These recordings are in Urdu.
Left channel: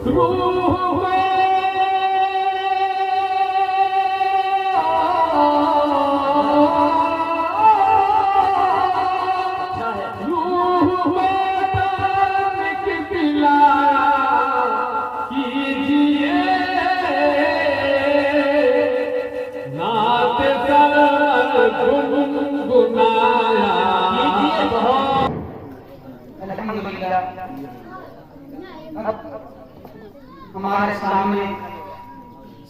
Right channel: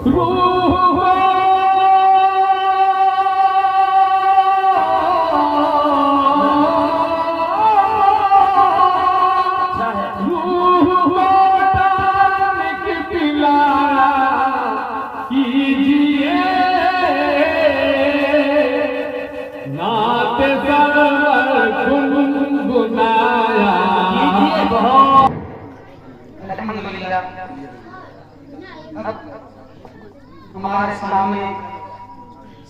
اب ہمارے سامنے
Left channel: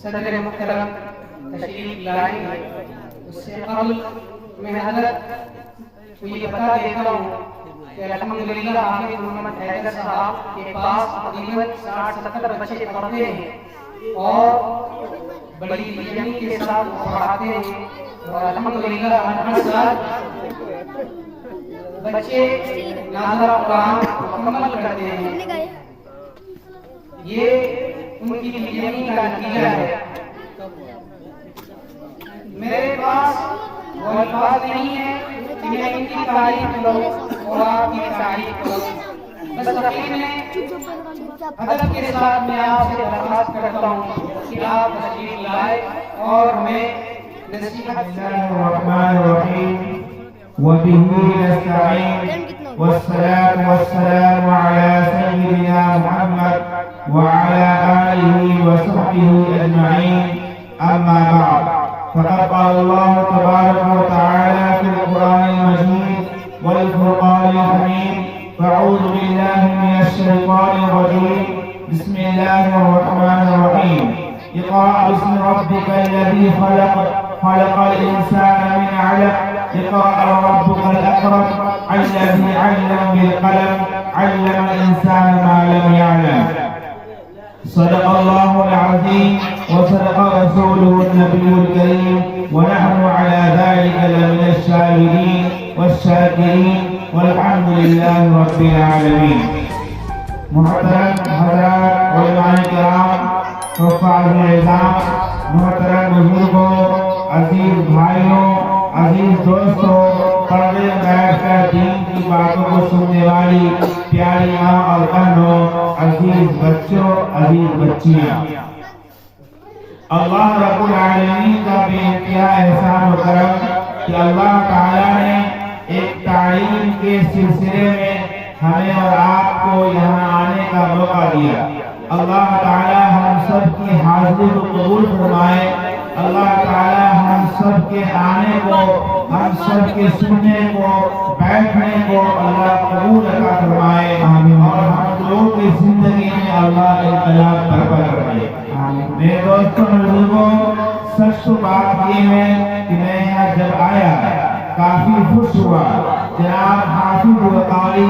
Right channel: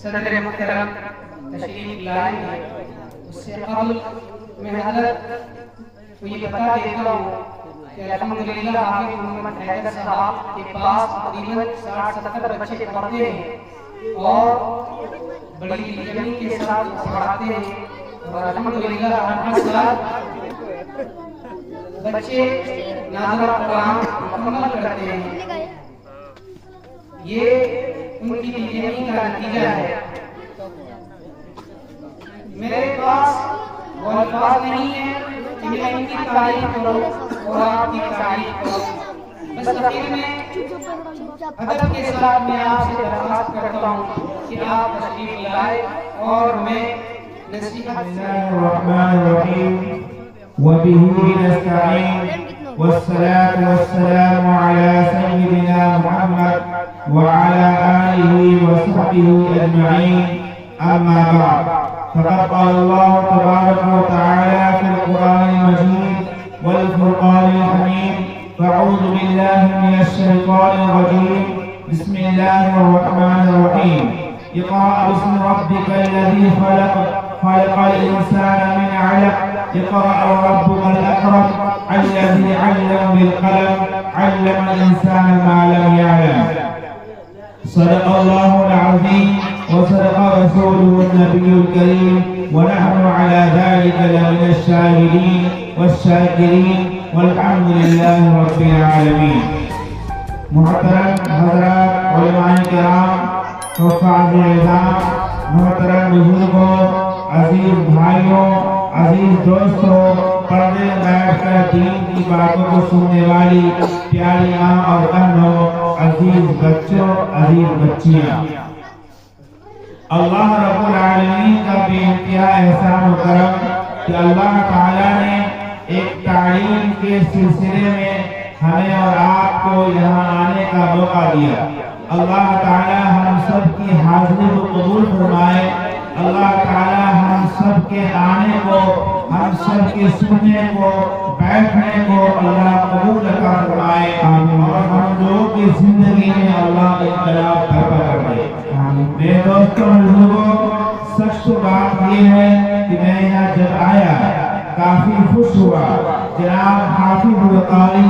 صدر محترم تشریف لائے ہیں، اس سے قبل میں حضرت کو یہ بتا دیتا ہوں کہ الحمدللہ حافظ محمد حیدر صاحب کے پاس تقریباً 60-70 بچے پڑھتے ہیں اور بڑی یقین کے ساتھ پڑھاتے ہیں، اور الحمدللہ ہر سال بچے نازلہ قرآن مکمل کرتے ہیں۔ یہ ان کی یقین کا نتیجہ ہے۔ میرے پاس وہ الفاظ نہیں ہے کہ میں ان کی تعریف کروں اور آپ کی تعریف کروں، بس اخیر میں ادب کے ساتھ میں آپ سے درخواست کرتا ہوں کہ آپ تشریف لائیں اور ہمیں نصیحت۔ بسم اللہ الرحمن الرحیم وبه نستعین والصلاة والسلام على سيدنا محمد وعلى آله وصحبه أجمعين، أما بعد، فقد قال الله تبارك وتعالى في القرآن المجيد والفرقان الحميد: فأعوذ بالله من الشيطان الرجيم، بسم الله الرحمن الرحيم. اقرأ باسم ربك الذي خلق، خلق الإنسان من علق، اقرأ وربك الأكرم الذي علم بالقلم، علم الإنسان ما لم يعلم. صدق الله العظيم وصدق رسوله النبي الكريم، ونحن على ذلك لمن الشاهدين والشاكرين، والحمد لله رب العالمين. محترم حضرات علماء کرام، حفاظ اعظام، محترم بزرگوں، عزیز بھائیوں، عزیز دوستوں، پردے بیٹھ کر دین کی باتوں کو سننے والی پیاری ماں اور بہنوں، عزیز بچوں، عزیز بچیاں، اللہ رب العالمین کا بے انتہا احسان و کرم کہ اللہ تعالیٰ نے ایک تعلیم کے سلسلے میں ہمیں اور آپ کو یہاں آنے کا موقع دیا۔ اللہ تعالیٰ ہم سب کی حاضری کو قبول فرمائے۔ اللہ تعالیٰ ہم سب کے آنے کو، ہم سب کے سننے کو، بیٹھنے کو اللہ قبول عطا فرمائے، اور ہم لوگوں کی زندگی میں اللہ انقلاب برپا کر دے۔ میرے دوستوں، بزرگوں، سچ تو بات یہ ہے کہ میں یہاں جب آیا کافی خوش ہوا۔ جناب حافظ و قاری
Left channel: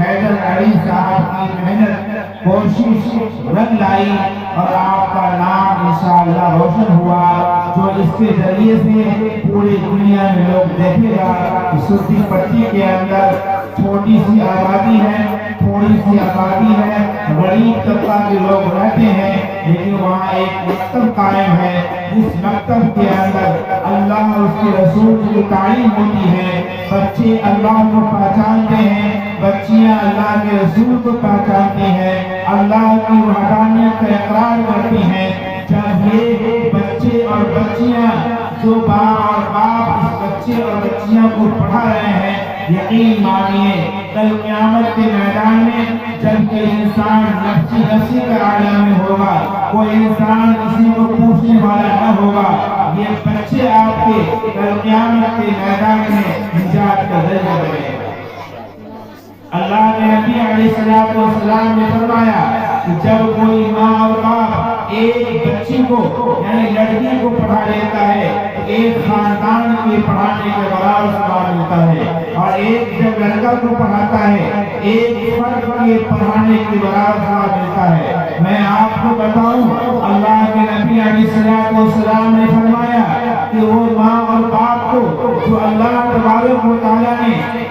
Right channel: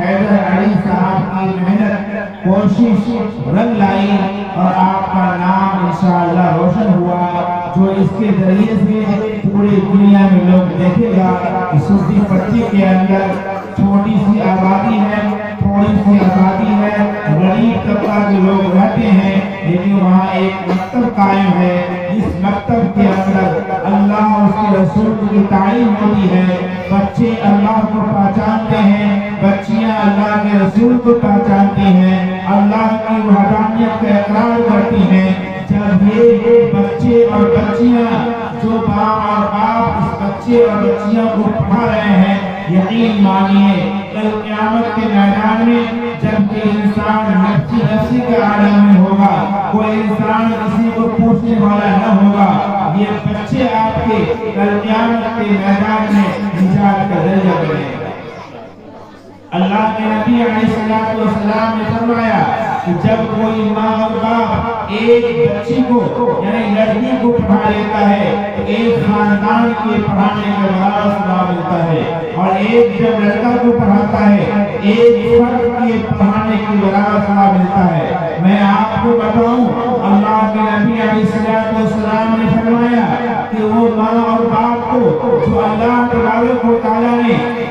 حیدر علی صاحب کی محنت، کوشش رنگ لائی اور آپ کا نام انشاءاللہ روشن ہوا، جو اس کے ذریعے سے پوری دنیا میں لوگ دیکھے گا کہ سرتی پٹی کے اندر چھوٹی سی آبادی ہے، تھوڑی سی آبادی ہے، غریب طبقہ کے لوگ رہتے ہیں، لیکن وہاں ایک مکتب قائم ہے، جس مکتب کے اندر اللہ اور اس کے رسول کی تعلیم ہوتی ہے۔ بچے اللہ کو پہچانتے ہیں، بچیاں اللہ کے رسول کو پہچانتی ہیں، اللہ کی وحدانیت کا اقرار کرتی ہیں۔ جب یہ بچے اور بچیاں، جو باپ اور باپ اس بچے اور بچیاں کو پڑھا رہے ہیں، یقین مانیے کل قیامت کے میدان میں جب کہ انسان نفسی نفسی کا عالم میں ہوگا، کوئی انسان کسی کو پوچھنے والا نہ ہوگا، یہ بچے آپ کے کل قیامت کے میدان میں نجات کا ذریعہ بنے گا۔ اللہ کے نبی علیہ السلام نے فرمایا کہ جب کوئی ماں اور باپ ایک بچی کو یعنی لڑکی کو پڑھا لیتا ہے تو ایک خاندان کے پڑھانے کے برابر ثواب ملتا ہے، اور ایک جب لڑکا کو پڑھاتا ہے ایک فرد کے پڑھانے کے برابر ثواب ملتا ہے۔ میں آپ کو بتاؤں، اللہ کے نبی علیہ السلام نے فرمایا کہ وہ ماں اور باپ کو جو اللہ تبارک و تعالیٰ نے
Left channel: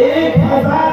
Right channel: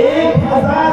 1000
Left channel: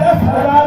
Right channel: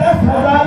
10,000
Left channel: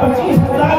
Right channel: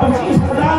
25,000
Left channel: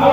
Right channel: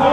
2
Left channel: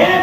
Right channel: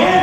1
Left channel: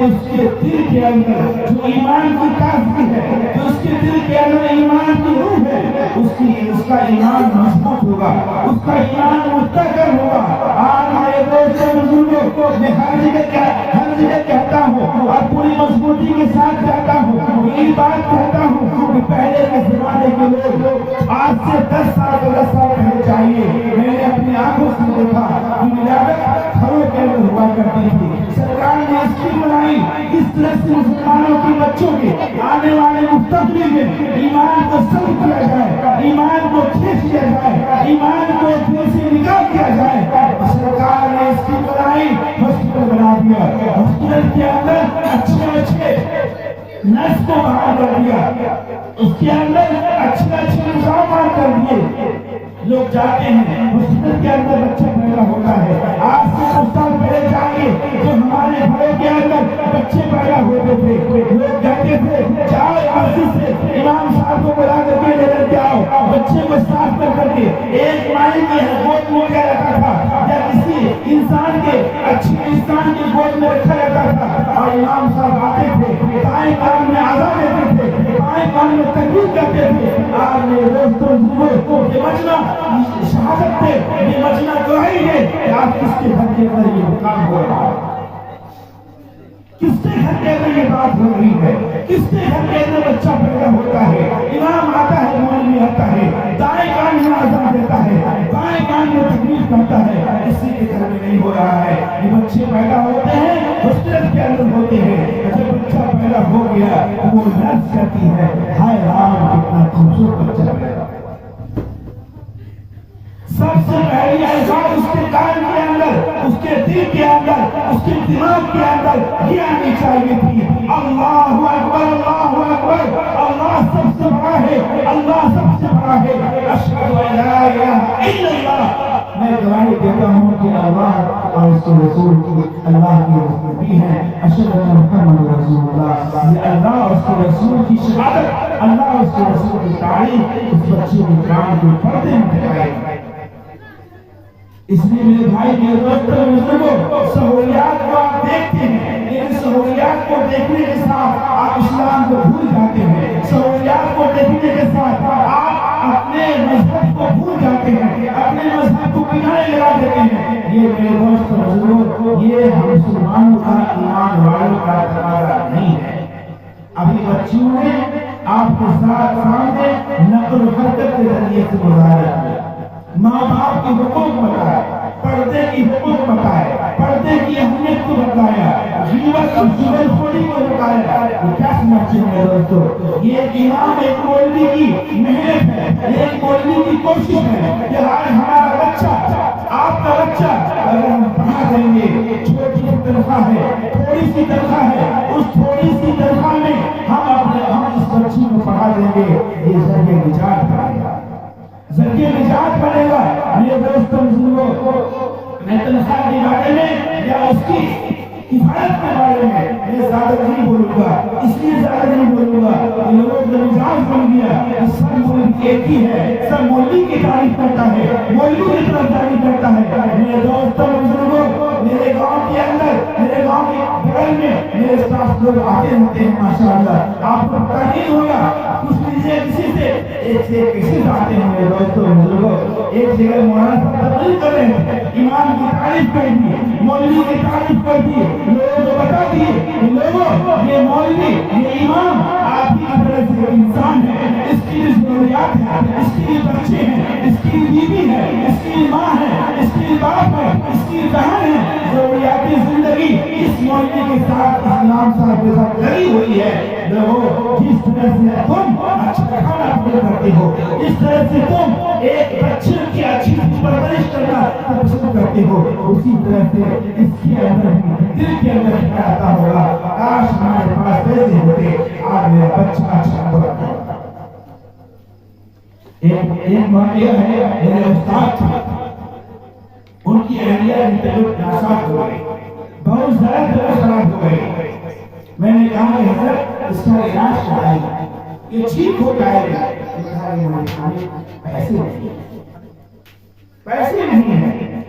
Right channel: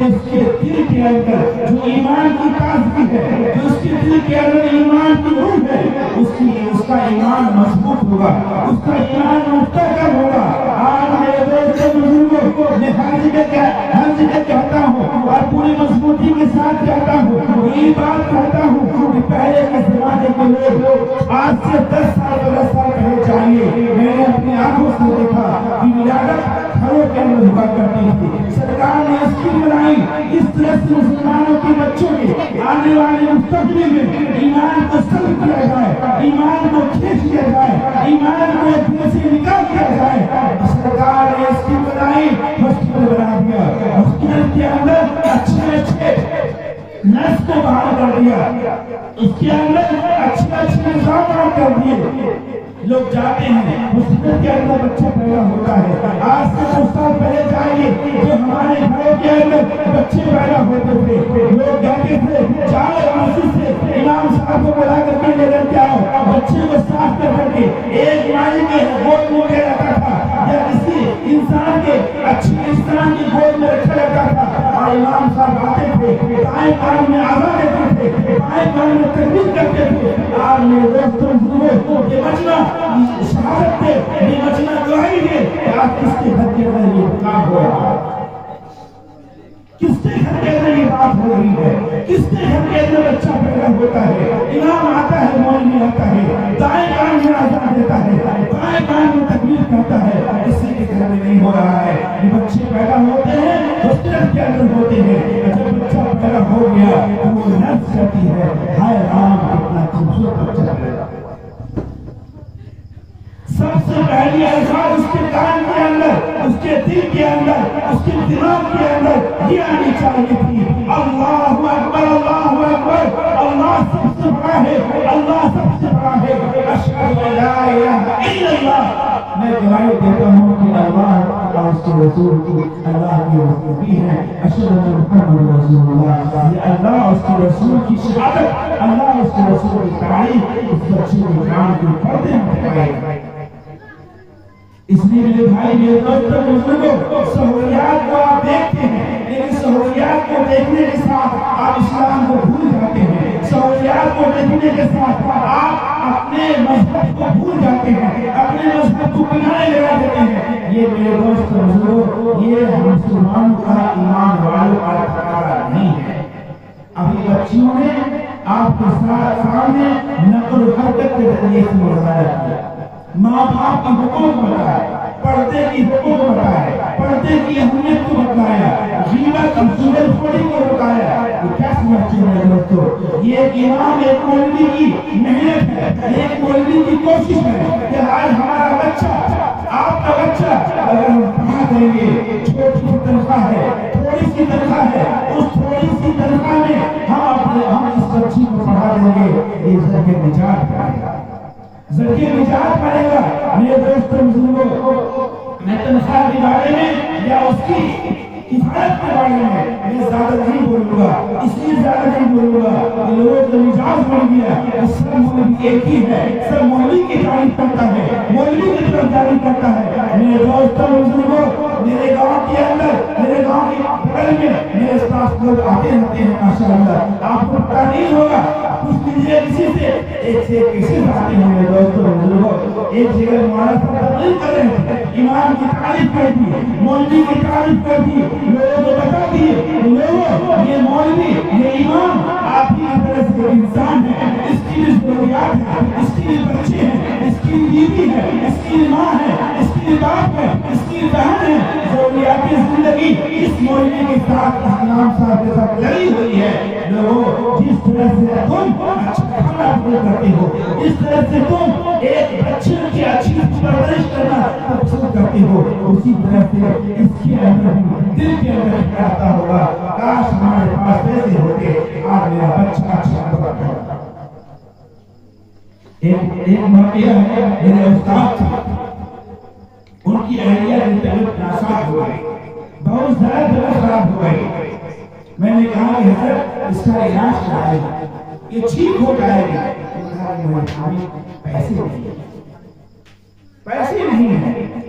کہ اس کے دل کے اندر جو ایمان کی تازگی ہے، جو اس کے دل کے اندر ایمان کی روح ہے، اس کا ایمان مضبوط ہوگا، اس کا ایمان مستحکم ہوگا۔ آج میرے دوست بزرگوں، میں ہر جگہ کہتا ہوں اور پوری مضبوطی کے ساتھ کہتا ہوں، یہی بات کہتا ہوں کہ پہلے کے زمانے کے لوگ آج سے 10 سال پہلے چاہیے، میں نے اپنی آنکھوں سے دیکھا کہ ولادت گھروں کے اندر ہوا کرتی تھی۔ سرکار نے اسکیم بنائی اس طرح سے مسلمانوں کے بچوں کے آنے والے مستقبل میں ایمان کو سلب کیا جائے، ایمان کو کھینچ لیا جائے، ایمان کو دل سے نکال دیا جائے۔ سرکار نے اسکیم بنائی، ہاسپٹل بنا دیا، ہاسپٹل کے اندر اچھے نرس کو بحال کر دیا، اس کے اندر اچھے انتظامات کر دیے۔ لوگ جاتے ہیں ہاسپٹل کے اندر بچہ پیدا ہوتا ہے۔ آج سے کچھ سال پہلے جائیے تو ہمارے گھروں کے اندر بچے پیدا ہوتے تھے، لوگ کہتے تھے جاؤ مسجد سے امام صاحب کو بلا کر کے لے کر آؤ، بچے کو صاف کر کے ایک مالی کے گود میں لیا جاتا تھا یا کسی انسان کے اچھی انسان کی گود میں رکھا جاتا تھا، اور امام صاحب آتے تھے، دائیں کان میں آزاد دیتے تھے، بائیں کان میں تکبیر کرتے تھے۔ آج میرے دوستوں یہ مجمع شہادت دے، یہ مجمع گواہی دے کہ آج کس کے گھر کے اندر یہ کام ہو رہا ہے، کس کے گھر کے اندر یہ بات ہو رہی ہے، کس کے گھر کے اندر بچہ پیدا ہوتا ہے، امام آتا ہے، مولوی آتا ہے، دائیں کان میں آزان دیتا ہے، بائیں کان میں تکبیر کرتا ہے، کسی کے گھر میں نہیں ہو رہا ہے۔ یہ بچے پیدا ہوتے ہیں ہاسپٹل کے اندر ہوتے ہیں، جب بچہ پیدا ہو گیا تو وہ نرس کہتی ہے ہائے رام کتنا خوبصورت بچہ پیدا۔ سب سے پہلی الفاظ اس کے کان کے اندر، اس کے دل کے اندر، اس کے دماغ کے اندر یہ آنی چاہیے تھی، اللہ اکبر، اللہ اکبر، اللہ سب سے بڑا ہے، اللہ سب سے بڑا ہے، اشہد ان لا الہ الا اللہ۔ میں گواہی دیتا ہوں کہ اللہ اور اس کے رسول کی اللہ کی رسول ہیں، اشہد ان محمد رسول اللہ۔ یہ اللہ اور اس کے رسول کی شہادت، اللہ اور اس کے رسول کی تعریف اس بچے کے کان کے پردے میں دکھائی۔ اس لیے میرے بھائی، میرے دوستوں، بزرگوں، سہولیات کو آپ دیکھتے ہیں لیکن سہولیات کو دیکھنے کے ساتھ آپ اسلام کو بھول جاتے ہیں، سہولیات کو دیکھنے کے ساتھ آپ اپنے مذہب کو بھول جاتے ہیں، اپنے مذہب کو کنارے لگا دیتے ہیں۔ یہ میرے دوستوں، بزرگوں، یہ ہم مسلمانوں کا، ایمان والوں کا تقاضا نہیں ہے۔ ابھی بچیوں نے آپ کے سامنے نقل و حرکت کے ذریعے سے مظاہرہ کیا، ماں باپ کے حقوق بتائے، پردے کی حقوق بتائے، پردے کی اہمیت کو بتایا، غیبت اور چغل خوری کو بتایا۔ یہ کیا سمجھتے ہیں میرے دوستو؟ یہ ایک امام، ایک مولوی کی محنت ہے، ایک مولوی کی کوشش ہے کہ آج ہمارا بچہ، آپ کا بچہ اگر ہم پڑھا دیں گے، چھوٹی سی تنخواہ ہے، تھوڑی سی تنخواہ ہے، اس تھوڑی سی تنخواہ میں ہم اس بچی کو پڑھا دیں گے، یہ ذریعہ نجات پڑے گا، ذریعہ نجات پڑے گا۔ میرے دوستوں، بزرگوں، میں تنخواہ کے بارے میں یا اس کی کفایت کے بارے میں زیادہ نہیں بولوں گا، اس لیے زیادہ نہیں بولوں گا کہ لوگوں کو مزاج بن گیا کہ سب مولوی ایک ہی ہے، سب مولوی کی تعریف کرتا ہے، مولوی کی طرف تعریف کرتا ہے۔ میرے دوستوں، بزرگوں، میرے گاؤں کے اندر، میرے گاؤں کے بغل میں میرے ساتھ لوگ آتے رہتے ہیں، ماشاءاللہ، آپ کو پتہ نہیں ہوگا، کچھ لیجیے کسی سے، ایک سے کیسے آتے ہیں میرے دوستوں، بزرگوں۔ ایک جگہ مولانا صاحب تقریر کر رہے تھے، امام کی تعریف کر دی، مولوی کی تعریف کر دی، لوگوں کو بتا دیے لوگوں یہ مولوی، یہ امام آپ ہی کی طرح سے انسان ہے، اس کی بھی ضروریات ہے، اس کی بھی بچے ہیں، اس کی بیوی ہے، اس کی ماں ہے، اس کی باپ ہے، اس کی بہن ہے، ضروریات زندگی اس مولوی کے ساتھ، اسلام صاحب کے ساتھ لگی ہوئی ہے۔ لوگوں، جس طرح سے تم اچھا کھانا پسند کرتے ہو، اس طرح سے تم ایک بچے کی اچھی پرورش کرنا پسند کرتے ہو، اسی طرح سے اس کے اندر دل کے اندر آتا ہوگا کاش ہمارے پاس پیسے ہوتے، آج میرا بچہ اچھا بنتا۔ ایک واقعہ ہے، میرے استاد تھے، ان کی اہلیہ کی طبیعت ناساز ہو گئی، بہت زیادہ طبیعت خراب ہو گئی۔ میں نے کہا کہ حضرت اس کا علاج کرائے گا، یہ ٹھیک ہو جائے گا۔ پیسے نہیں ہیں، پیسے نہیں ہیں،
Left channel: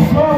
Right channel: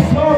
100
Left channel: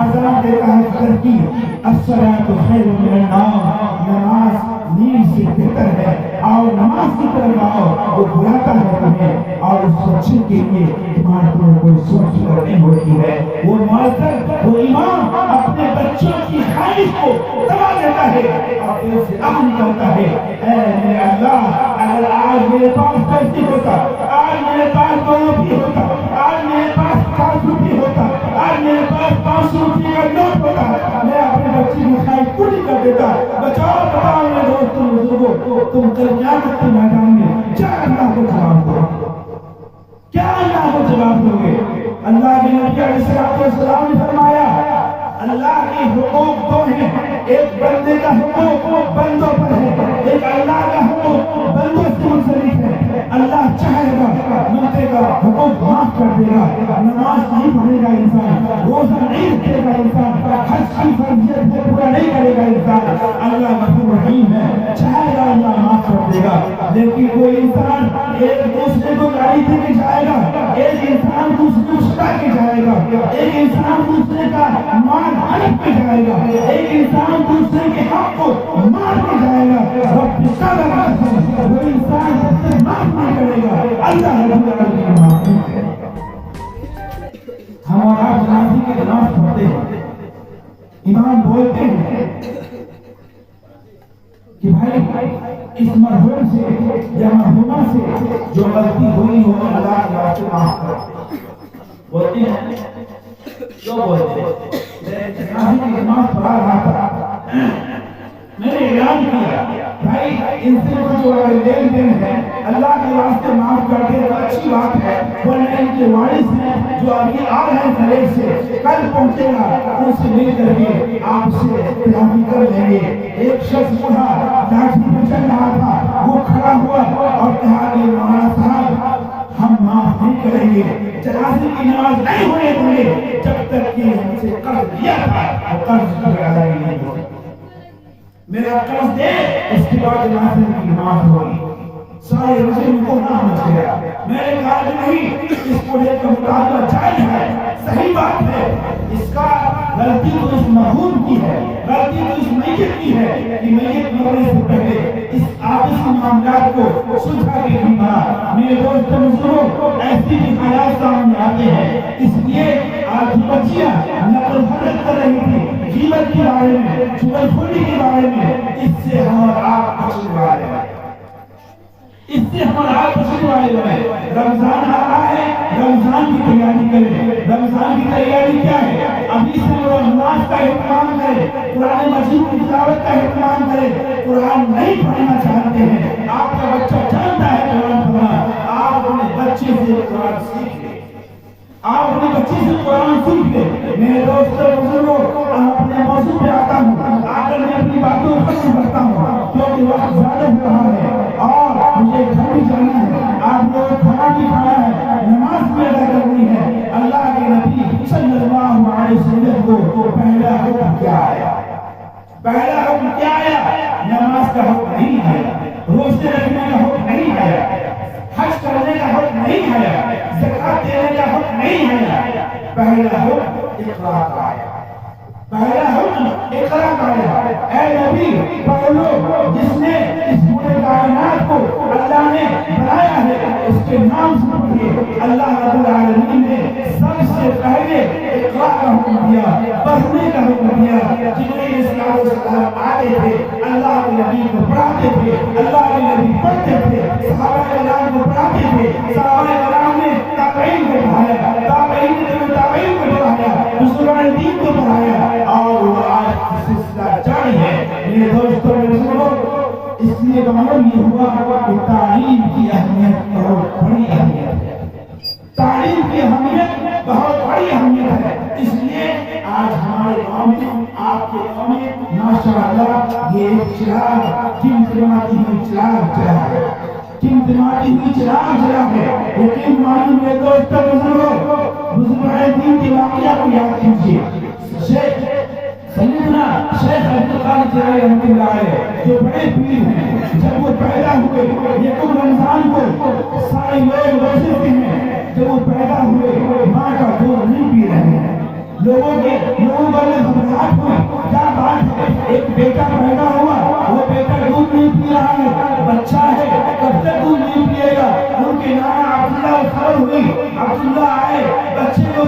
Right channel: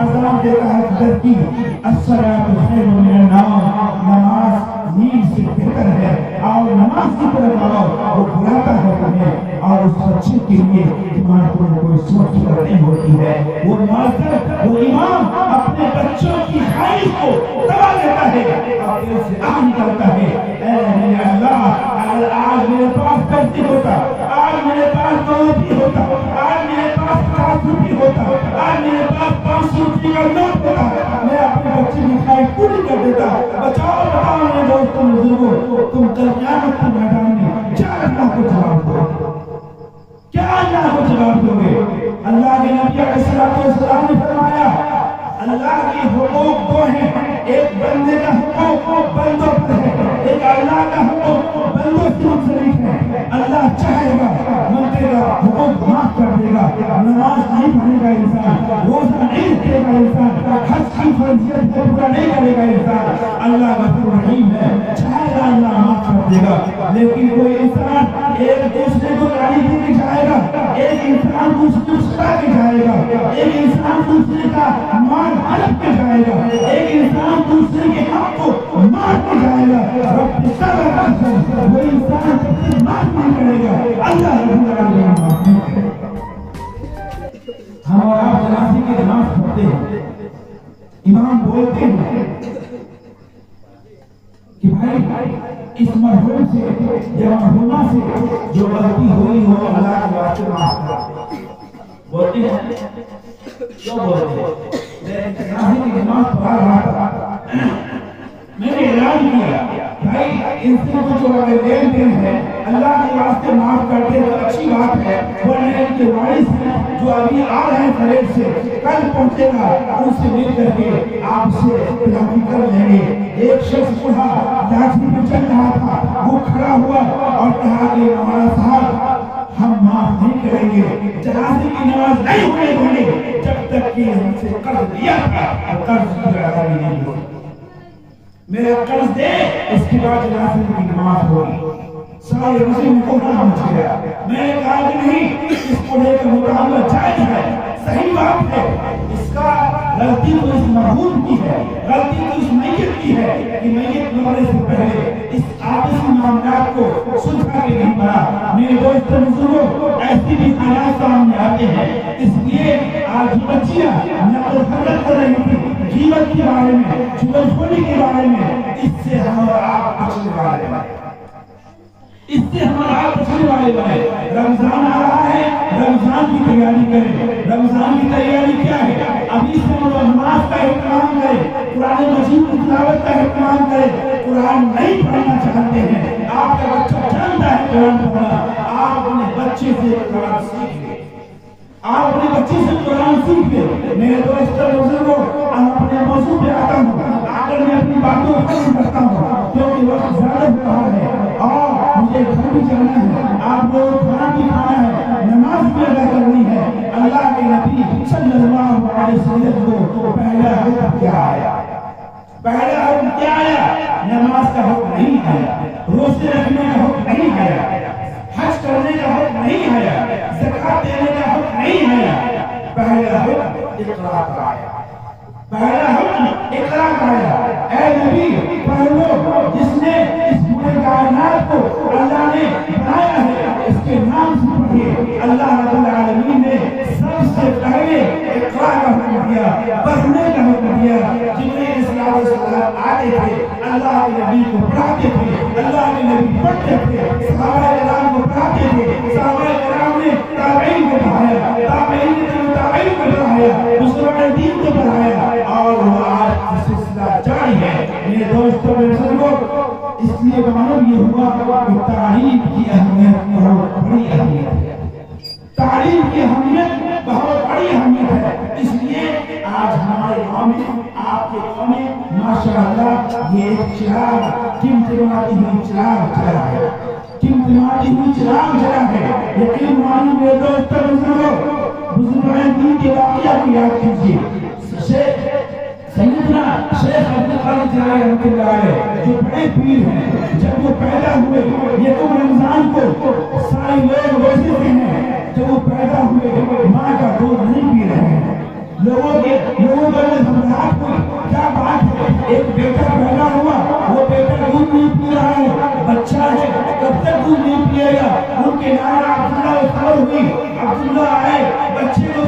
اذان دیتا ہے فجر کی، الصلاۃ خیر من النوم، نماز نیند سے بہتر ہے، آؤ نماز کی طرف آؤ، وہ بلاتا ہے تمہیں، اور اس بچے کے لیے تمہارے کو کوئی سوچ کر نہیں ہوتی ہے، وہ معذر، وہ امام اپنے بچوں کی خواہش کو دبا دیتا ہے اور دل سے آہ نکلتا ہے، اے میرے اللہ، اگر آج میرے پاس پیسے ہوتا، آج میرے پاس 2 روپے ہوتا، آج میرے پاس 50 روپے ہوتا، آج میرے پاس 500 روپے کا نوٹ ہوتا، میں اپنے بچے کی خواہش پوری کر دیتا۔ بتاؤ میرے دوستوں بزرگوں، تم کل قیامت کے میدان میں کیا اللہ کو جواب دو گے؟ کیا اللہ کو جواب دو گے؟ اللہ کے نبی علیہ السلام نے فرمایا اللہ کے حقوق 2 ہیں، ایک بندے کا حقوق بندوں پر ہے، ایک اللہ کا حقوق بندوں سے منسلک ہے۔ اللہ چاہے گا بندے کا حقوق معاف کر دے گا، نماز نہیں پڑھے گا انسان، روزہ نہیں رکھے گا انسان، حج کی فرضیت سے پورا نہیں کرے گا انسان، اللہ غفور رحیم ہے، چاہے گا اللہ معاف کر دے گا۔ لیکن کوئی انسان ایک دوسرے کو گالی دے کے جائے گا، ایک انسان دوسرے کو ستا کے جائے گا، ایک انسان دوسرے کا مال ہڑپ کے جائے گا، ایک انسان دوسرے کے حق کو مار کے جائے گا، رب تعالیٰ کا قسم وہ انسان سب سے معاف نہیں کرے گا، اللہ رب العالمین معاف نہیں کرے گا۔ ہم اور آپ جنازے کی نماز پڑھتے ہیں، امام بولتے ہیں کہ بھائی اس مرحوم سے یا مرحومہ سے جو غلطی ہوئی ہو اللہ کے واسطے معاف کرو، بولتے ہیں کیوں بولتے ہیں؟ میں جنازے کی نماز پڑھا رہا تھا، میں نے اعلان کیا بھائی ان سے جو اگر لین دین ہے اللہ کے واسطے معاف کر دے تو اچھی بات ہے، ورنہ ان کے وارث ہیں جو ابھی آ رہے ہیں خلیج سے، کل پہنچے گا، ان سے مل کر کے آپ سے اختلافی کر لیں گے۔ ایک شخص بوڑھا لاٹھی پہ چل رہا تھا، وہ کھڑا ہوا اور کہا کہ مولانا صاحب ہم معاف نہیں کریں گے، جنازے کی نماز نہیں ہونے دیں گے جب تک کہ ہم سے قرض لیا تھا وہ قرض کی ادائیگی نہیں ہوئی، میرا قرض دے، اس کے بعد جنازے کی نماز ہوئی۔ سارے رسم کو نہ سمجھ گیا، میں نے کہا کہ نہیں، اس بوڑھے کا مطالبہ جائز ہے، صحیح بات ہے، اس کا غلطی تو اس مرحوم کی ہے، غلطی تو اس میت کی ہے کہ میت مرنے سے پہلے اس آپسی معاملات کو سلجھا کے نہیں مرا۔ میرے دوستوں بزرگوں، ایسی بھی حالات سامنے آتے ہیں، اس لیے آج بچیاں نقل و حرکت کر رہی تھی غیبت کے بارے میں، چغل خوری کے بارے میں، اس سے ہم اور آپ بچنے والے ہیں، اس سے ہم اور آپ بچنے والے بنے۔ رمضان آ رہا ہے، رمضان کی تیاری کریں۔ رمضان کی تیاری کیا ہے؟ ابھی سے نماز کا اہتمام کریں، قرآن مجید کی تلاوت کا اہتمام کریں۔ قرآن نہیں پڑھنا چاہتے ہیں، آپ کا بچہ جانتا ہے قرآن پڑھنا، آپ اپنے بچے سے قرآن سیکھ لیں، آپ اپنے بچے سے قرآن سیکھ لیں۔ میرے دوستوں بزرگوں، ہم اپنے موضوع پہ آتا ہوں، آ کر میں اپنی باتوں کو ختم کرتا ہوں کیونکہ وقت زیادہ ہو رہا ہے اور مجھے گھر بھی جانا ہے، آپ لوگ کھانا بھی کھانا ہے، نماز بھی ادا کرنی ہے۔ اللہ کے نبی صلی اللہ علیہ وسلم کو پہلا حکم کیا آیا؟ پہلا حکم کیا آیا؟ نماز کا حکم نہیں آیا، روزے رکھنے کا حکم نہیں آیا، حج کرنے کا حکم نہیں آیا، زکات دینے کا حکم نہیں آیا، پہلا حکم اقرا کا آیا، پہلا حکم اقرا کا آیا۔ اے نبی پڑھ لو، جس نے اس پورے کائنات کو اللہ نے بنایا ہے اس کے نام سے پڑھیے۔ اللہ رب العالمین نے سب سے پہلے اقرا کا حکم دیا، پڑھنے کا حکم دیا۔ جبرائیل علیہ السلام آتے تھے، اللہ کے نبی کو پڑھاتے تھے، اللہ کے نبی پڑھتے تھے، صحابہ کرام کو پڑھاتے تھے، صحابہ کرام نے تابعین کو پڑھایا، تابعین نے تابعین کو پڑھایا، بزرگان دین کو پڑھایا، اور وہ آج سلسلہ جاری ہے۔ میرے دوستوں میرے بزرگوں، اس لیے معلوم یہ ہوا کہ تعلیم کی اہمیت بہت بڑی اہمیت ہے، تعلیم کی اہمیت بہت بڑی اہمیت ہے۔ اس لیے آج ہمارے گاؤں میں، آپ کے گاؤں میں ماشاءاللہ یہ ایک چراغ ٹمٹماتی ہوئی چراغ چلا ہے، ٹمٹماتی ہوئی چراغ چلا ہے۔ یقین مانیے میرے دوستوں بزرگوں، بزرگان دین کے واقعہ کو یاد کیجیے۔ سیدنا شیخ عبدالقادر جیلانی رحمۃ اللہ علیہ جو بڑے پیر ہیں، جب وہ پیدا ہوئے یکم رمضان کو سارے لوگ روزے پہ ہیں، جب وہ پیدا ہوئے ماں کا دودھ نہیں پی رہے ہیں، لوگوں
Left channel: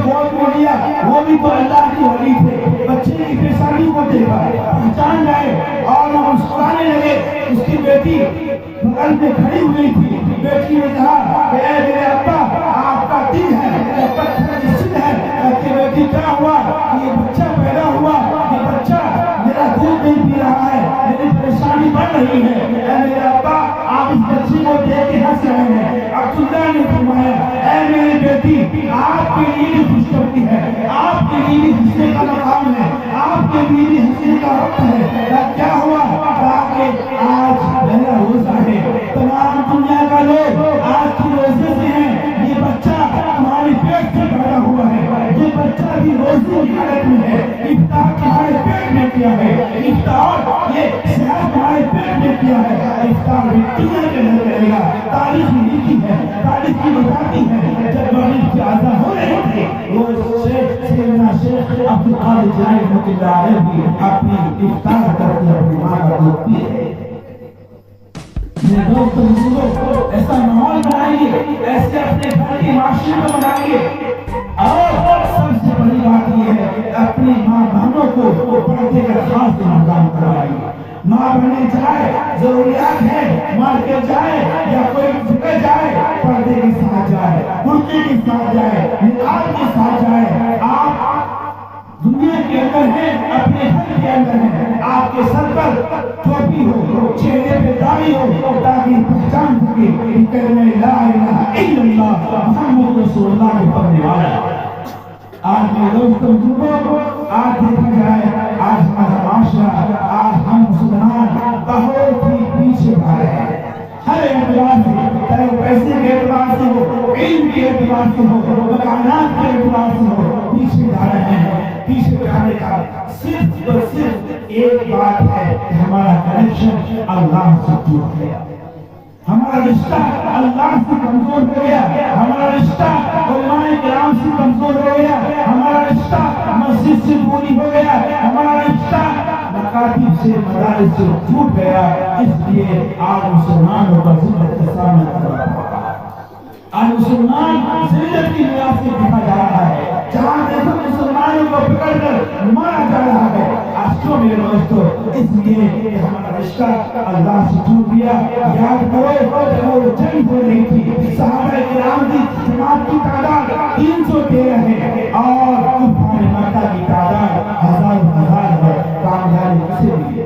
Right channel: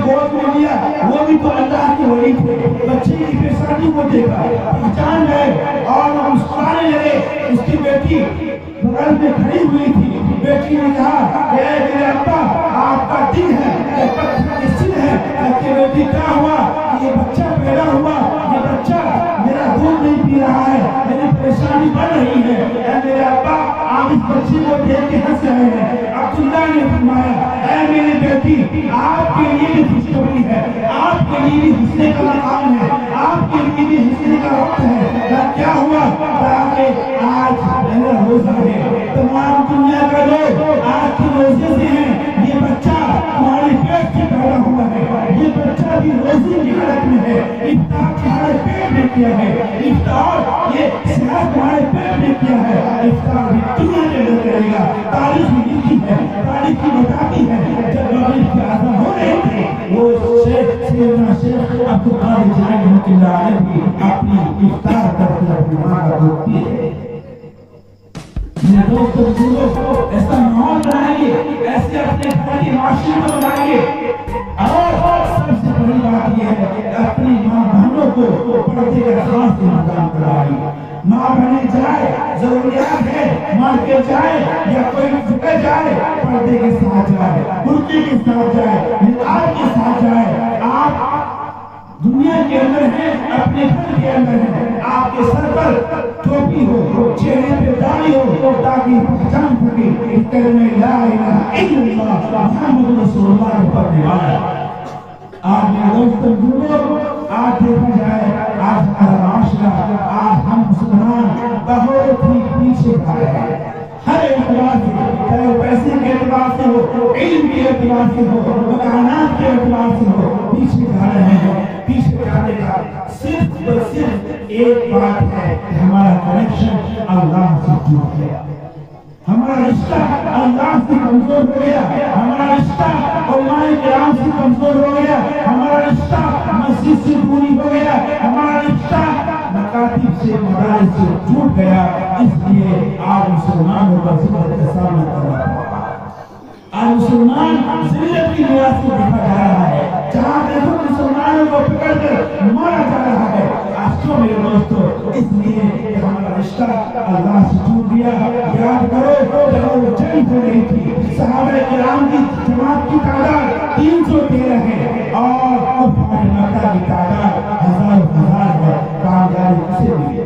گود میں لیا وہ بھی تو اللہ کے ولی تھے. بچے کی پریشانی کو دیکھا, پہچان گئے اور وہ مسکرانے لگے. اس کی بیٹی بغل میں کھڑی ہوئی تھی. بیٹی نے کہا کہ اے میرے ابا, آپ کا دل ہے یا پتھر نشچت ہے؟ کہ بیٹی کیا ہوا کہ یہ بچہ پیدا ہوا, یہ بچہ میرا دودھ نہیں پی رہا ہے, میری پریشانی بڑھ رہی ہے. اے میرے ابا, آپ اس بچی کو دیکھ کے ہنس رہے ہیں. عبداللہ نے فرمایا اے میری بیٹی, آپ کے لیے بھی خوشخبری ہے, آپ کے لیے بھی ہنسنے کا مقام ہے, آپ کے لیے بھی ہنسنے کا وقت ہے. کیا ہوا تاکہ آج پہلا روزہ ہے, تمام دنیا کا لوگ آج کے روزے سے ہیں. یہ بچہ تمہاری پیٹ سے پیدا ہوا ہے, یہ بچہ بھی روزے کی حالت میں ہے. افطار تمہارے پیٹ میں کیا ہے, افطار یہ صحت تمہارے پیٹ میں کیا ہے. افطار بھی دنیا کے اندر کرے گا. تاریخ میں لکھی ہے, تاریخ کی بتاتی ہے, جب مغرب کی اذان ہو رہی تھی وہ سیدنا شیخ عبدالقادر جیلانی رحمۃ اللہ علیہ بھی اپنی افطار کر کے اپنی ماں کا دودھ پیے. میرے دوست بزرگوں, ایسا ماحول بنائیے, ایسے اپنے گھر کے معاشرے کو بنائیے. اور سب سے بڑی بات یہ ہے کہ اپنی ماں بہنوں کو پردے کا خاص انتظام کروائیے. ماں بہنیں جائے, ضروریات ہے, مارکیٹ جائے یا کوئی جگہ جائے, پردے کے ساتھ جائے, برقعے کے ساتھ جائے, نقاب کے ساتھ جائے. آپ دنیا کے اندر ہیں, اپنے گھر کے اندر ہیں, آپ کے سر پر ٹوپی ہو, چہرے پہ داڑھی ہو, تاکہ پہچان سکے کہ کلمہ لا الہ الا اللہ محمد رسول اللہ کے پڑھنے والا ہے. آج میرے دوستوں بزرگوں, آج دیکھا جائے آج ہمارا معاشرہ, آج ہم مسلمان بہت ہی پیچھے آ رہے ہیں. ہر اعتبار سے, چاہے وہ پیسے کے اعتبار سے ہو, علم کے اعتبار سے ہو, مکانات کے اعتبار سے ہو, پیچھے جا رہے ہیں. پیچھے جانے کا صرف اور صرف ایک بات ہے کہ ہمارا کنیکشن اللہ سے ٹوٹ گیا, ہمارا رشتہ اللہ سے کمزور ہو گیا, ہمارا رشتہ علماء کرام سے کمزور ہو گیا, ہمارا رشتہ مسجد سے دوری ہو گیا, ہمارا رشتہ مکاتب سے, مدارس سے ٹوٹ گیا. اس لیے آج مسلمانوں کا ذلت کا سامنا کر رہا ہے. آج مسلمان ذلت کی بنا سے دیکھا جا رہا ہے. جہاں دیکھو مسلمانوں کو پکڑ کر مارا جا رہا ہے. آج کیوں میرے دوستو؟ اس لیے کہ ہمارا رشتہ اللہ سے ٹوٹ گیا. یاد کرو جب وہ جنگ ہو رہی تھی, صحابہ کرام کی جماعت کی تعداد 313 ہے اور کفار مکہ کی تعداد ہزار ہے. کامیابی کسے ملی؟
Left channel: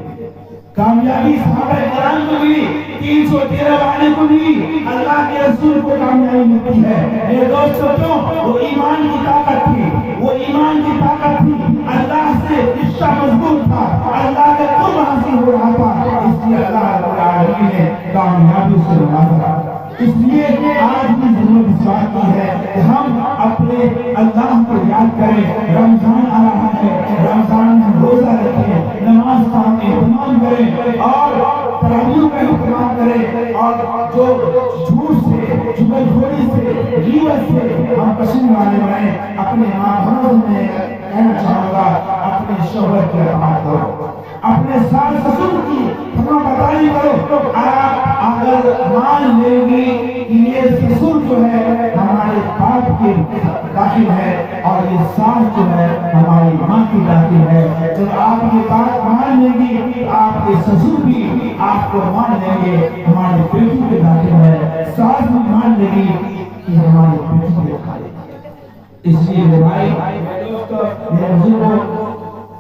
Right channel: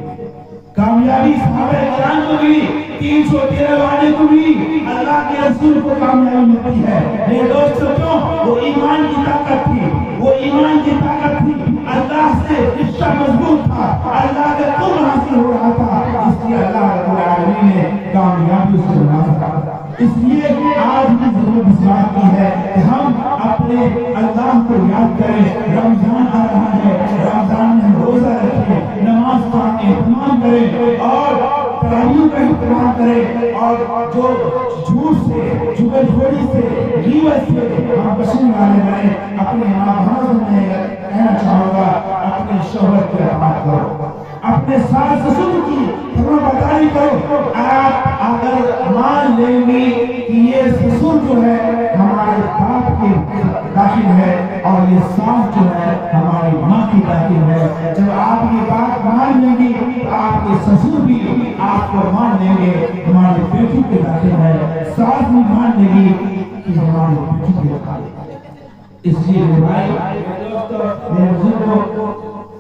کامیابی صحابہ کرام کو ملی, 313 والے کو ملی. اللہ کے رسول کو کامیابی ملتی ہے. میرے دوستو کیوں؟ وہ ایمان کی طاقت تھی, وہ ایمان کی طاقت تھی. اللہ سے رشتہ مضبوط تھا, اللہ کا قرب حاصل ہو رہا تھا. اس لیے اللہ رب العالمین نے کامیابی سے نوازا. اس لیے آج کی ضرورت اس بات کی ہے کہ ہم اپنے اللہ کو یاد کریں. رمضان آ رہا ہے, رمضان میں ہم روزہ رکھیں, نماز کا اہتمام کریں اور تراویح کا اہتمام کریں. اور جو جھوٹ سے, چغل خوری سے, غیبت سے ہم پسند والے بنیں. اپنے ماں بہنوں سے کہنا چاہوں گا, اپنے شوہر کی اطاعت کرو, اپنے ساس سسر کی فرما برداری کرو. آپ اگر مان لیں گی کہ یہ سسر جو ہے ہمارے باپ کے داخل ہے اور یہ ساس جو ہے ہماری ماں کی داخل ہے, جب آپ یہ بات مان لیں گی تو آپ کے سسر بھی آپ کو مان لیں گے ہماری بیٹی کے داخل ہے, ساس بھی مان لے گی کہ ہماری بیٹی کے داخل ہے. اس لیے میرے بھائی, میرے بزرگوں,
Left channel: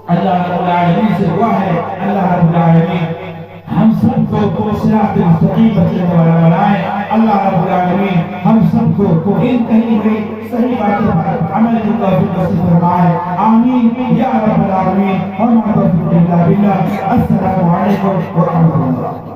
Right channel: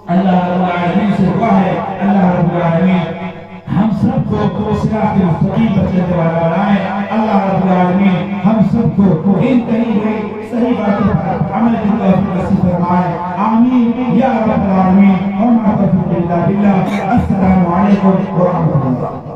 اللہ رب العالمین سے دعا ہے, اللہ رب العالمین ہم سب کو صراط مستقیم پر چلنے والا بنائے. اللہ رب العالمین ہم سب کو ان کہی ہوئی صحیح باتوں پر عمل کی توفیق نصیب فرمائے. آمین یا رب العالمین. اور ما توفیق الا باللہ. السلام علیکم ورحمۃ اللہ.